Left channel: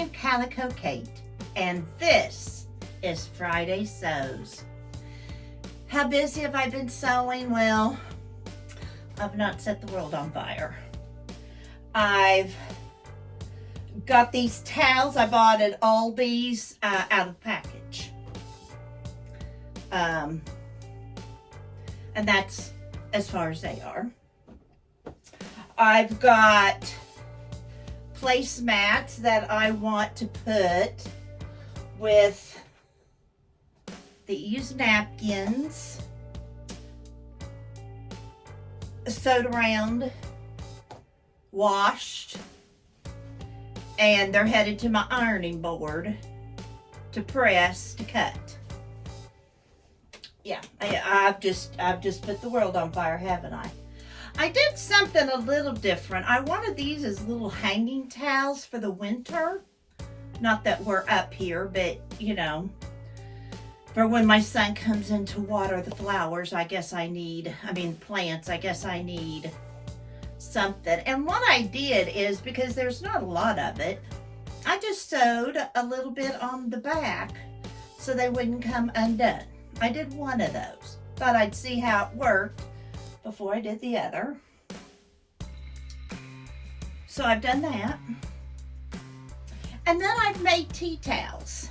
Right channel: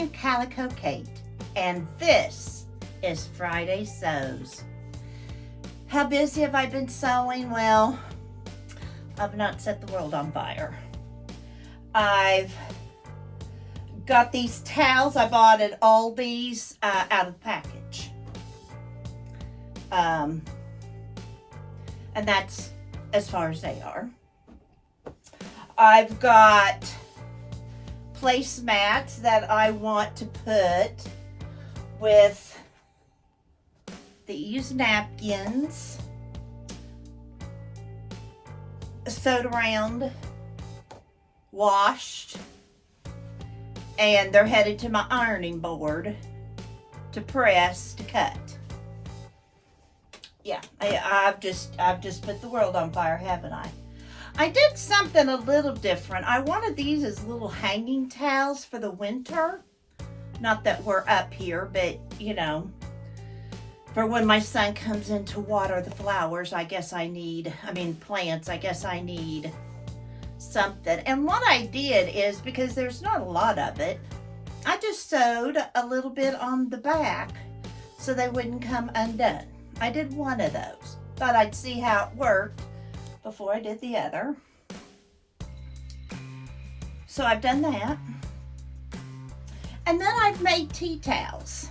am Calico Kate, and this is Friday Sews. How busy have I been sewing? Well, I've not set the world on fire. I've got these towels I bought at Aldi's out of the package. And that's as far as they are. I've got placemats that I want to put with these napkins sewed around, washed, and they're headed to my ironing board to press, to cut. Yeah, I've just put the world on fire, haven't I? I did something a little different. I wanted these as little hanging towels for the winter. Not that we're up here, but you know, for when my son comes in to water the flowers, plants, I guess I need something. And what I did is, because there's not a lot of it, I just sewed a little bit on the back so they wouldn't come undone. I did one of those, but I'd see how it worked before I did the other. So I've done that. And then I've made tea towels.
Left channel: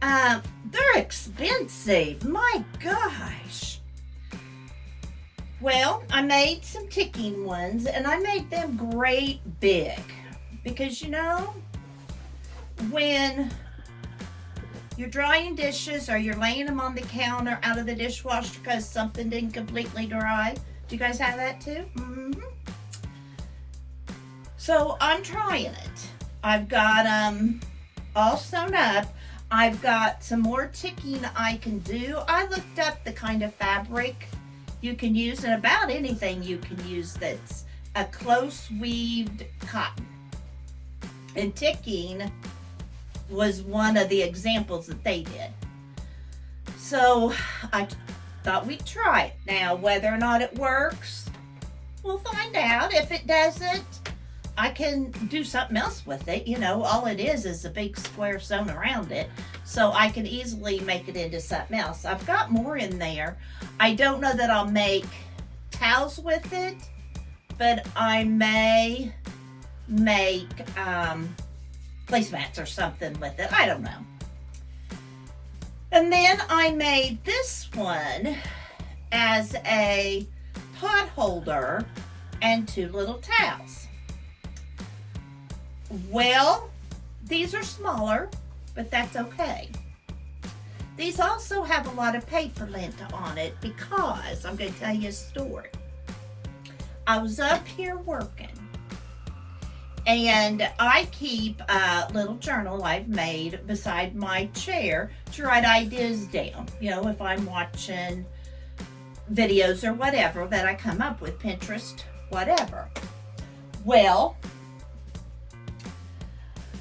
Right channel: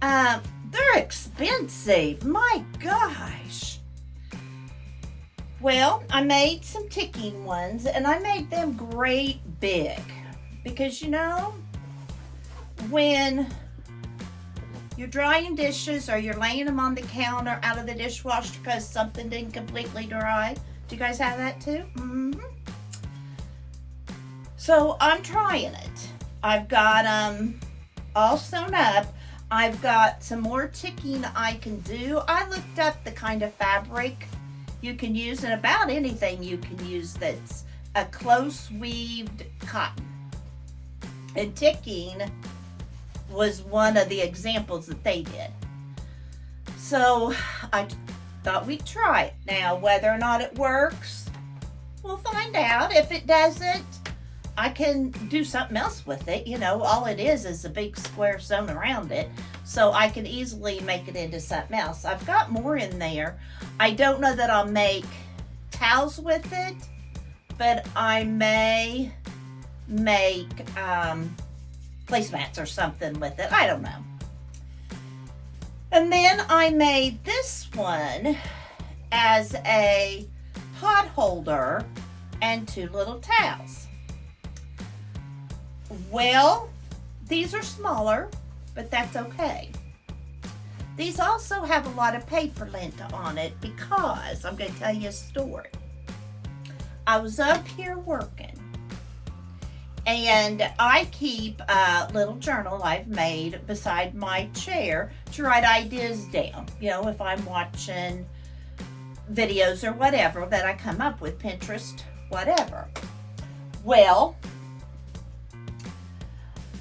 They're expensive, my gosh. Well, I made some ticking ones, and I made them great big. Because you know, when you're drying dishes or you're laying them on the counter out of the dishwasher because something didn't completely dry. Do you guys have that too? Mm-hmm. So I'm trying it. I've got them all sewn up. I've got some more ticking I can do. I looked up the kind of fabric you can use, and about anything you can use that's a close weaved cotton. And ticking was one of the examples that they did. So I thought we'd try it. Now, whether or not it works, we'll find out. If it doesn't, I can do something else with it. You know, all it is a big square sewn around it. So I can easily make it into something else. I've got more in there. I don't know that I'll make towels with it, but I may make placemats or something with it. I don't know. And then I made this one as a pot holder and two little towels. Well, these are smaller, but that's okay. These also have a lot of paper lint on it because I'm going to tell you a story. I was up here working, and I keep a little journal I've made beside my chair to write ideas down. You know, if I'm watching videos or whatever that I come up with, Pinterest, whatever. Well,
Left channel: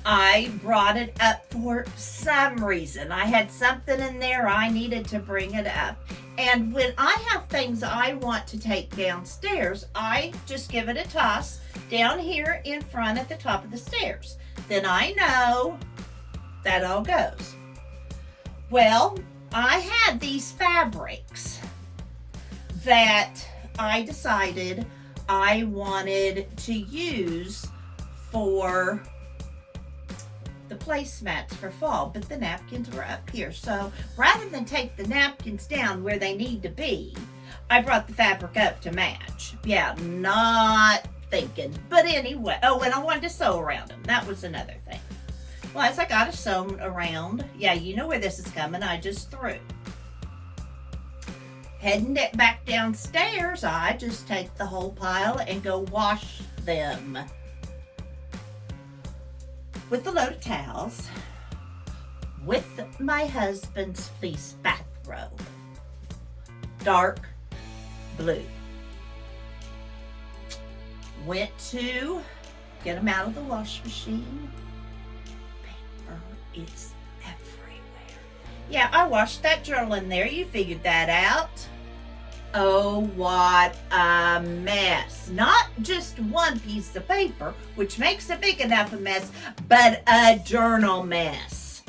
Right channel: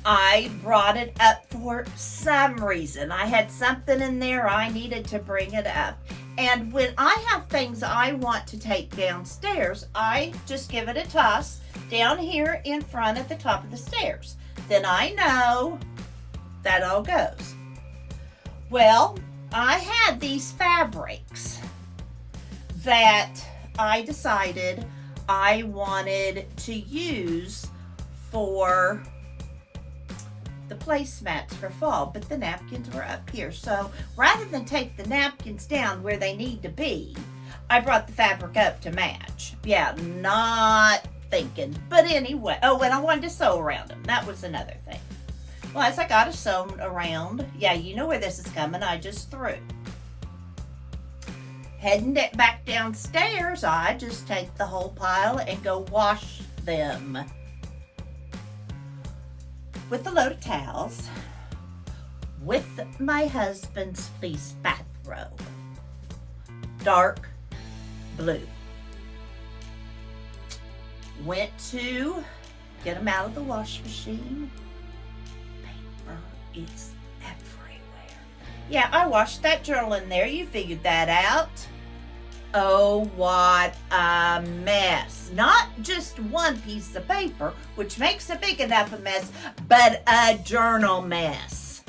I brought it up for some reason. I had something in there, I needed to bring it up. And when I have things I want to take downstairs, I just give it a toss down here in front at the top of the stairs. Then I know that all goes. Well, I had these fabrics that I decided I wanted to use for the placemats for fall, but the napkins were up here. So rather than take the napkins down where they need to be, I brought the fabric up to match. Yeah, not thinking. But anyway, oh, and I wanted to sew around them. That was another thing. Well, as I got it sewn around, yeah, you know where this is coming. I just threw. Heading it back downstairs, I just take the whole pile and go wash them with a load of towels, with my husband's fleece bathrobe, dark blue. Went to get them out of the wash machine. Paper is everywhere. Yeah, I washed that journal in there. You figured that out. Oh, what a mess. Not just one piece of paper, which makes a big enough a mess, but a journal mess.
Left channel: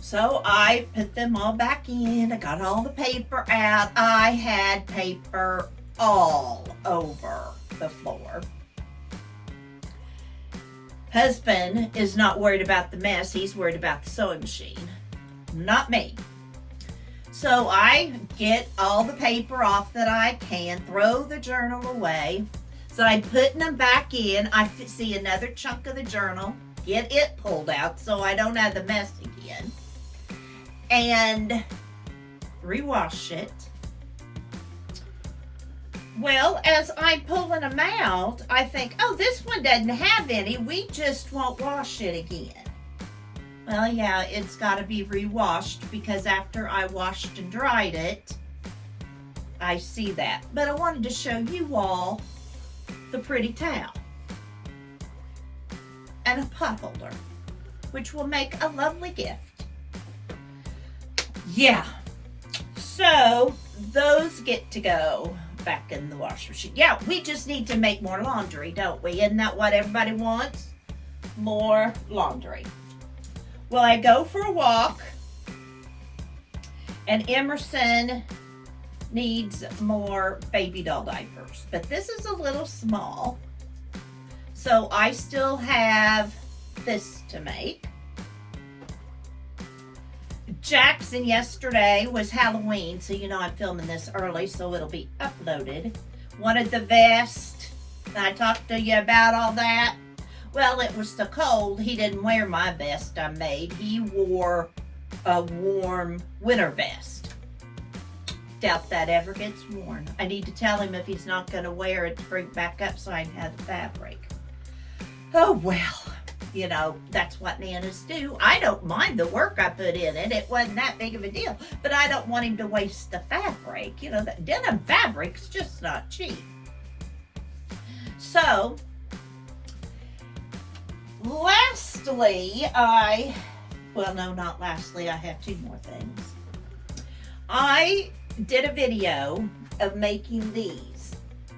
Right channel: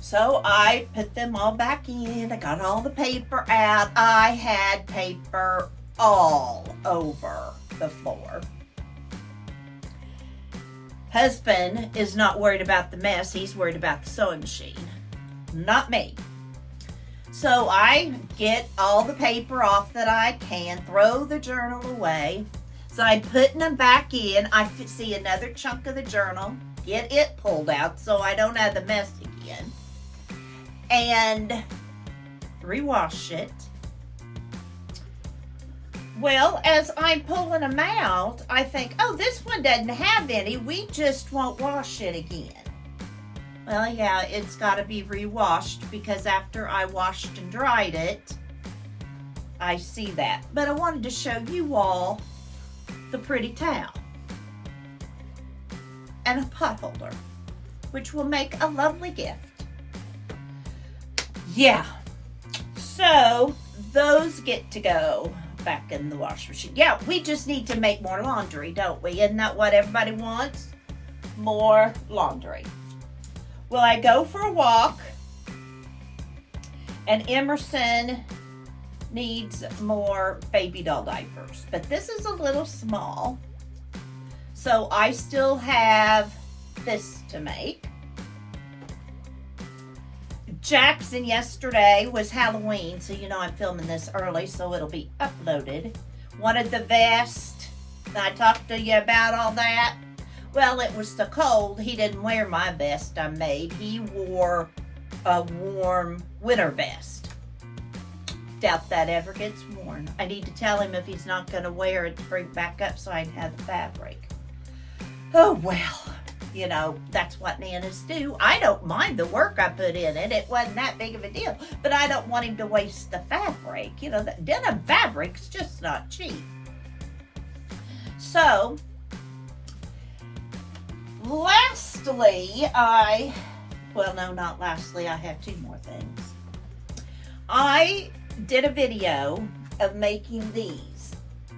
So I put them all back in. I got all the paper out. I had paper all over the floor. Husband is not worried about the mess. He's worried about the sewing machine. Not me. So I get all the paper off that I can, throw the journal away. So I'm putting them back in. I see another chunk of the journal, get it pulled out so I don't have the mess again. And rewash it. Well, as I'm pulling them out, I think, oh, this one doesn't have any. We just won't wash it again. Well, yeah, it's got to be rewashed because after I washed and dried it, I see that. But I wanted to show you all the pretty towel and a pot holder, which will make a lovely gift. Yeah, so those get to go back in the wash machine. Yeah, we just need to make more laundry, don't we? Isn't that what everybody wants? More laundry. Well, I go for a walk, and Emerson needs more baby doll diapers, but this is a little small, so I still have this to make. Jackson yesterday was Halloween, so you know I'm filming this early, so it'll be uploaded. Wanted the vest. I talked to you about all that. Well, it was so cold, he didn't wear my vest I made. He wore a warm winter vest. Doubt that ever gets worn. I need to tell him if he's not going to wear it to bring it back up so I can have the fabric. Oh, well, you know, that's what nanas do. I don't mind the work I put in it. It wasn't that big of a deal. But I don't want him to waste the fabric. You know, the denim fabric's just not cheap. So, lastly, not lastly, I have two more things. I did a video of making these,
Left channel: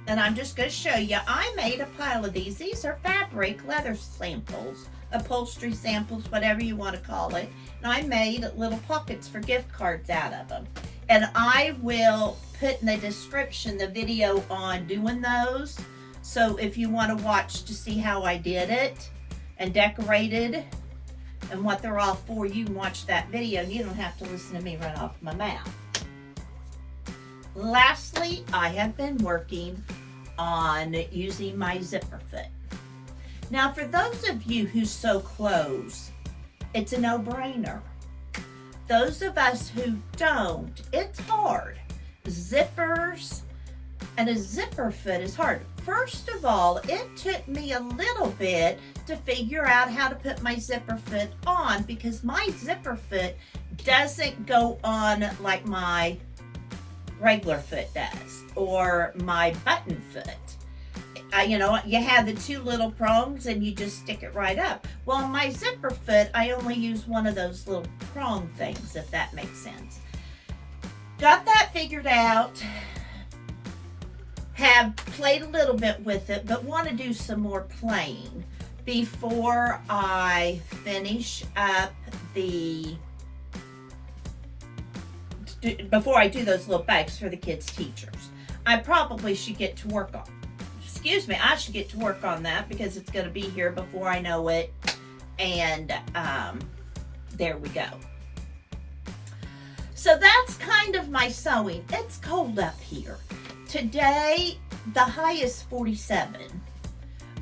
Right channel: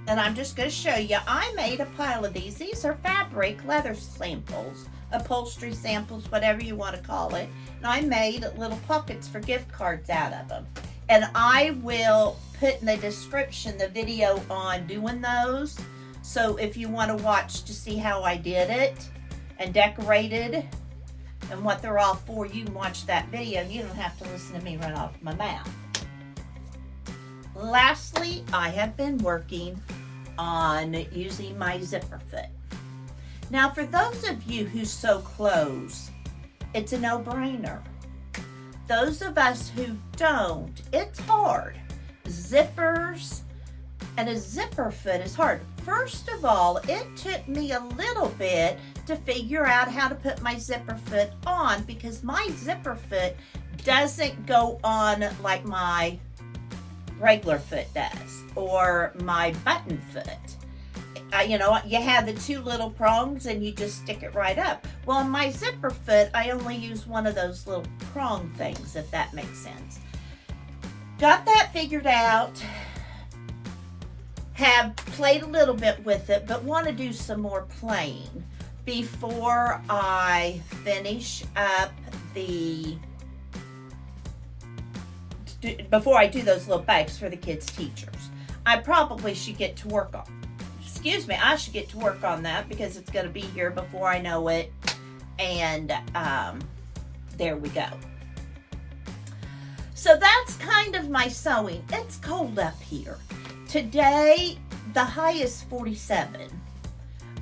and I'm just going to show you. I made a pile of these. These are fabric leather samples, upholstery samples, whatever you want to call it. And I made little pockets for gift cards out of them. And I will put in the description the video on doing those. So if you want to watch to see how I did it and decorated and what they're all for, you can watch that video. You don't have to listen to me run off my mouth. Lastly, I have been working on using my zipper foot. Now, for those of you who sew clothes, it's a no-brainer. Those of us who don't, it's hard. Zippers and a zipper foot is hard. First of all, it took me a little bit to figure out how to put my zipper foot on because my zipper foot doesn't go on like my regular foot does or my button foot. You know, you have the two little prongs and you just stick it right up. Well, on my zipper foot, I only use one of those little prong things, if that makes sense. Got that figured out. Have played a little bit with it, but want to do some more playing before I finish up before I do those little bags for the kids' teachers. I probably should get to work on, I should get to work on that because it's going to be here before I know it. And there we go. So that's kind of my sewing. It's cold up here. Today, the high is 47,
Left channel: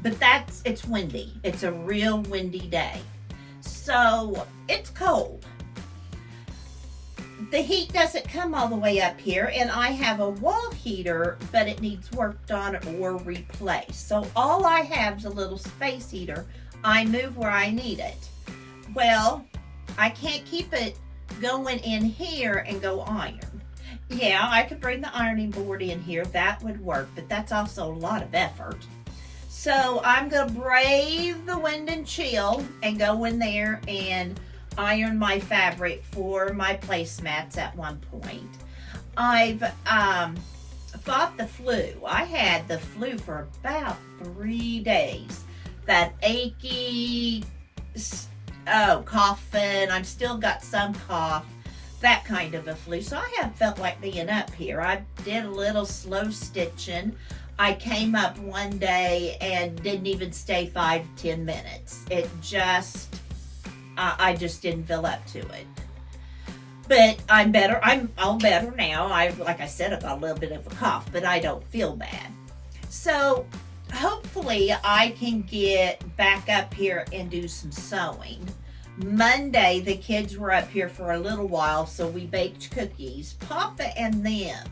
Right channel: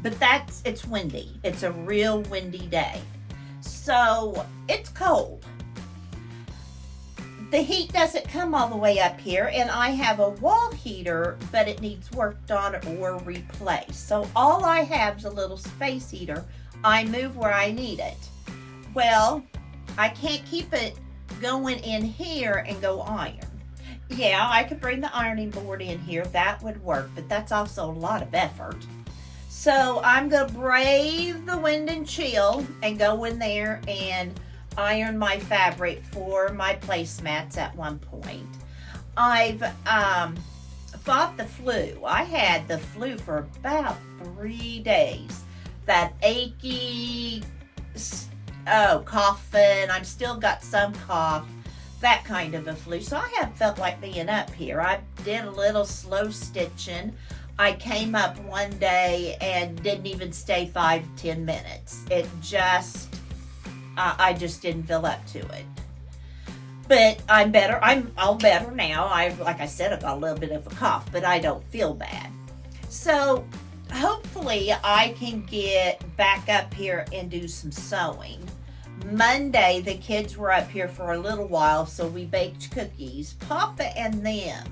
but it's windy. It's a real windy day. So it's cold. The heat doesn't come all the way up here, and I have a wall heater, but it needs worked on or replaced. So all I have is a little space heater. I move where I need it. Well, I can't keep it going in here and go iron. Yeah, I could bring the ironing board in here. That would work, but that's also a lot of effort. So I'm going to brave the wind and chill and go in there and iron my fabric for my placemats at one point. I've fought the flu. I had the flu for about 3 days. That achy, coughing. I've still got some cough. That kind of a flu. So I have felt like being up here. I did a little slow stitching. I came up one day and didn't even stay 5-10 minutes. It just, I just didn't feel up to it. But I'm better. I'm all better now. Like I said, I've got a little bit of a cough, but I don't feel bad. So hopefully I can get back up here and do some sewing. Monday, the kids were up here for a little while, so we baked cookies. Papa and them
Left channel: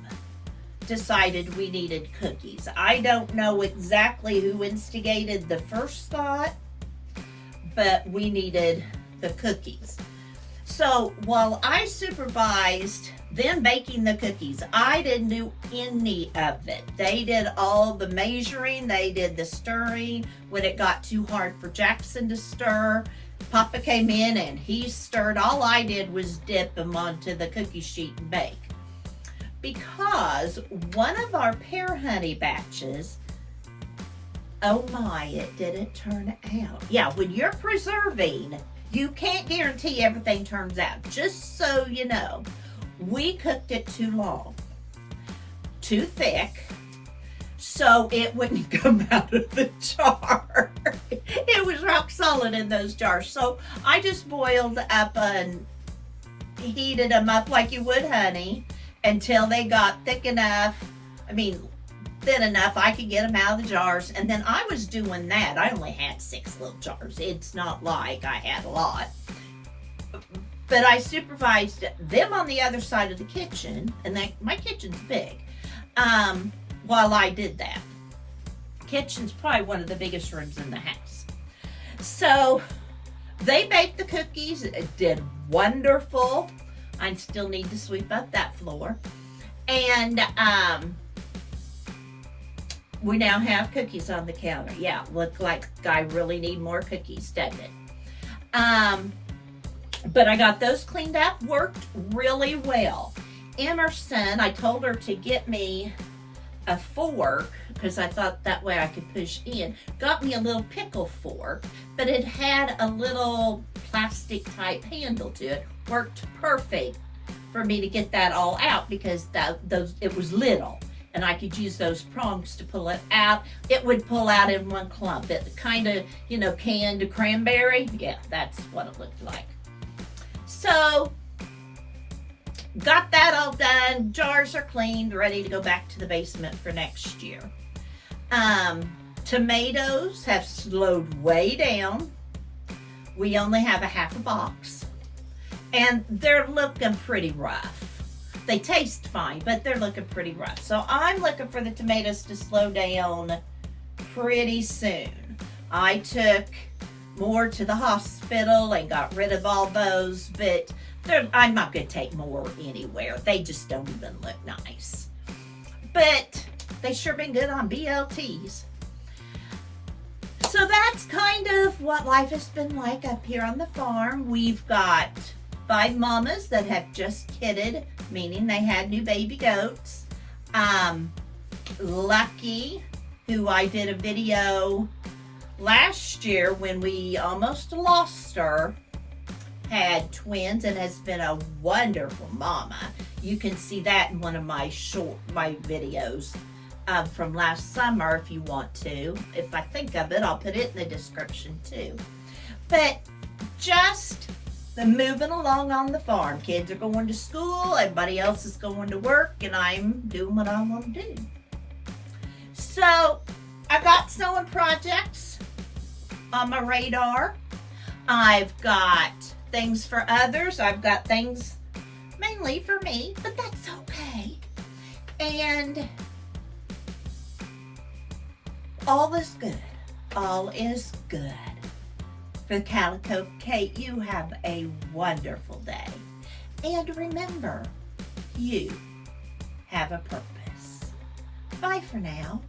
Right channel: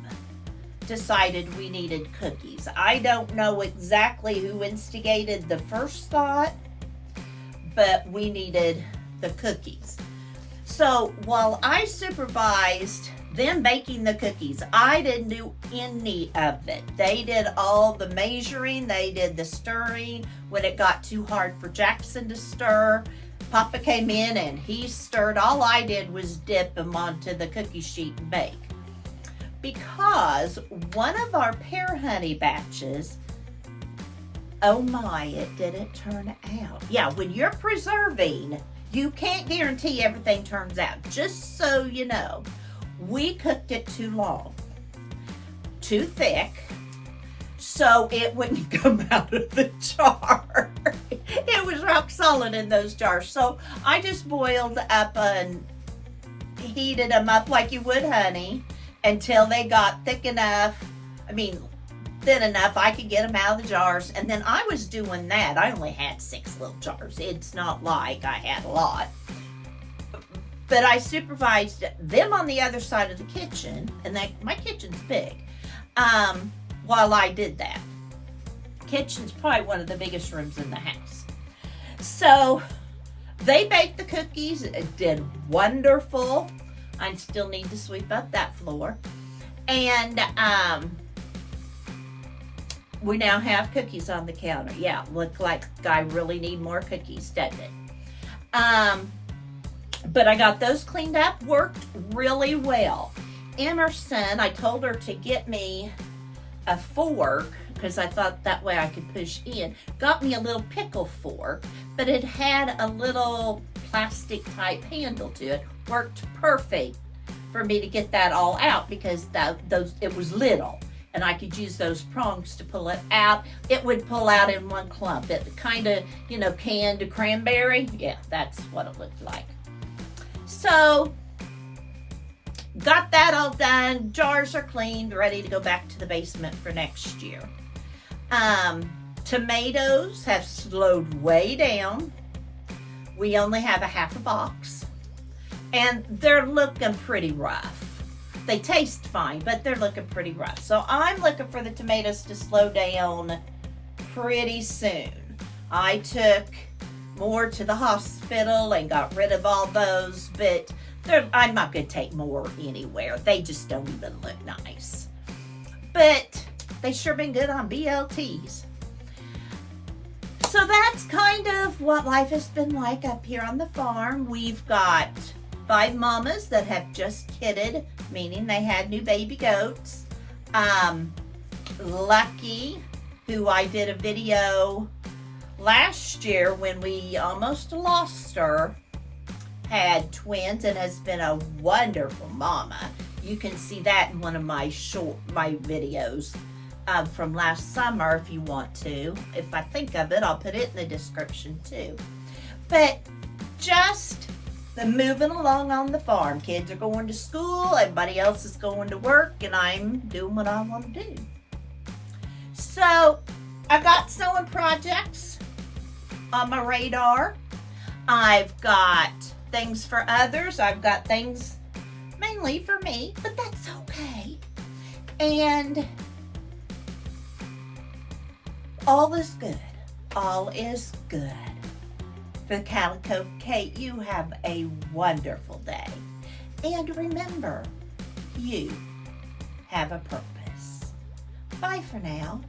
decided we needed cookies. I don't know exactly who instigated the first thought, but we needed the cookies. So while I supervised them baking the cookies, I didn't do any of it. They did all the measuring, they did the stirring. When it got too hard for Jackson to stir, Papa came in and he stirred. All I did was dip them onto the cookie sheet and bake. Because one of our pear honey batches, oh my, it didn't turn out. Yeah, when you're preserving, you can't guarantee everything turns out. Just so you know, we cooked it too long, too thick, so it wouldn't come out of the jar. It was rock solid in those jars. So I just boiled up and heated them up like you would honey until they got thick enough, thin enough I could get them out of the jars. And then I was doing that. I only had 6 little jars. It's not like I had a lot. But I supervised them on the other side of the kitchen, and my kitchen's big, while I did that. Kitchen's probably one of the biggest rooms in the house. So they baked the cookies. It did wonderful. I still need to sweep up that floor. And we now have cookies on the counter. Yeah, look like I really need more cookies, doesn't it? But I got those cleaned up, worked really well. Emerson, I told her to get me a fork because I thought that way I could push in. Got me a little pickle fork, but it had a little plastic type handle to it. Worked perfect for me to get that all out because it was little. And I could use those prongs to pull it out. It would pull out in one clump. It kind of, canned cranberry. Yeah, that's what it looked like. So, got that all done. Jars are cleaned, ready to go back to the basement for next year. Tomatoes have slowed way down. We only have a half a box. And they're looking pretty rough. They taste fine, but they're looking pretty rough. So I'm looking for the tomatoes to slow down pretty soon. I took more to the hospital and got rid of all those, but I'm not going to take more anywhere. They just don't even look nice. But they sure been good on BLTs. So that's kind of what life has been like up here on the farm. We've got 5 mamas that have just kidded, meaning they had new baby goats. Lucky, who I did a video last year when we almost lost her, had twins and has been a wonderful mama. You can see that in one of my videos from last summer if you want to. If I think of it, I'll put it in the description too. But just moving along on the farm. Kids are going to school, everybody else is going to work, and I'm doing what I want to do. So I've got sewing projects on my radar. I've got things for others. I've got things mainly for me, but that's okay. And all is good. All is good. For Calico Kate, you have a wonderful day. And remember, you have a purpose. Bye for now.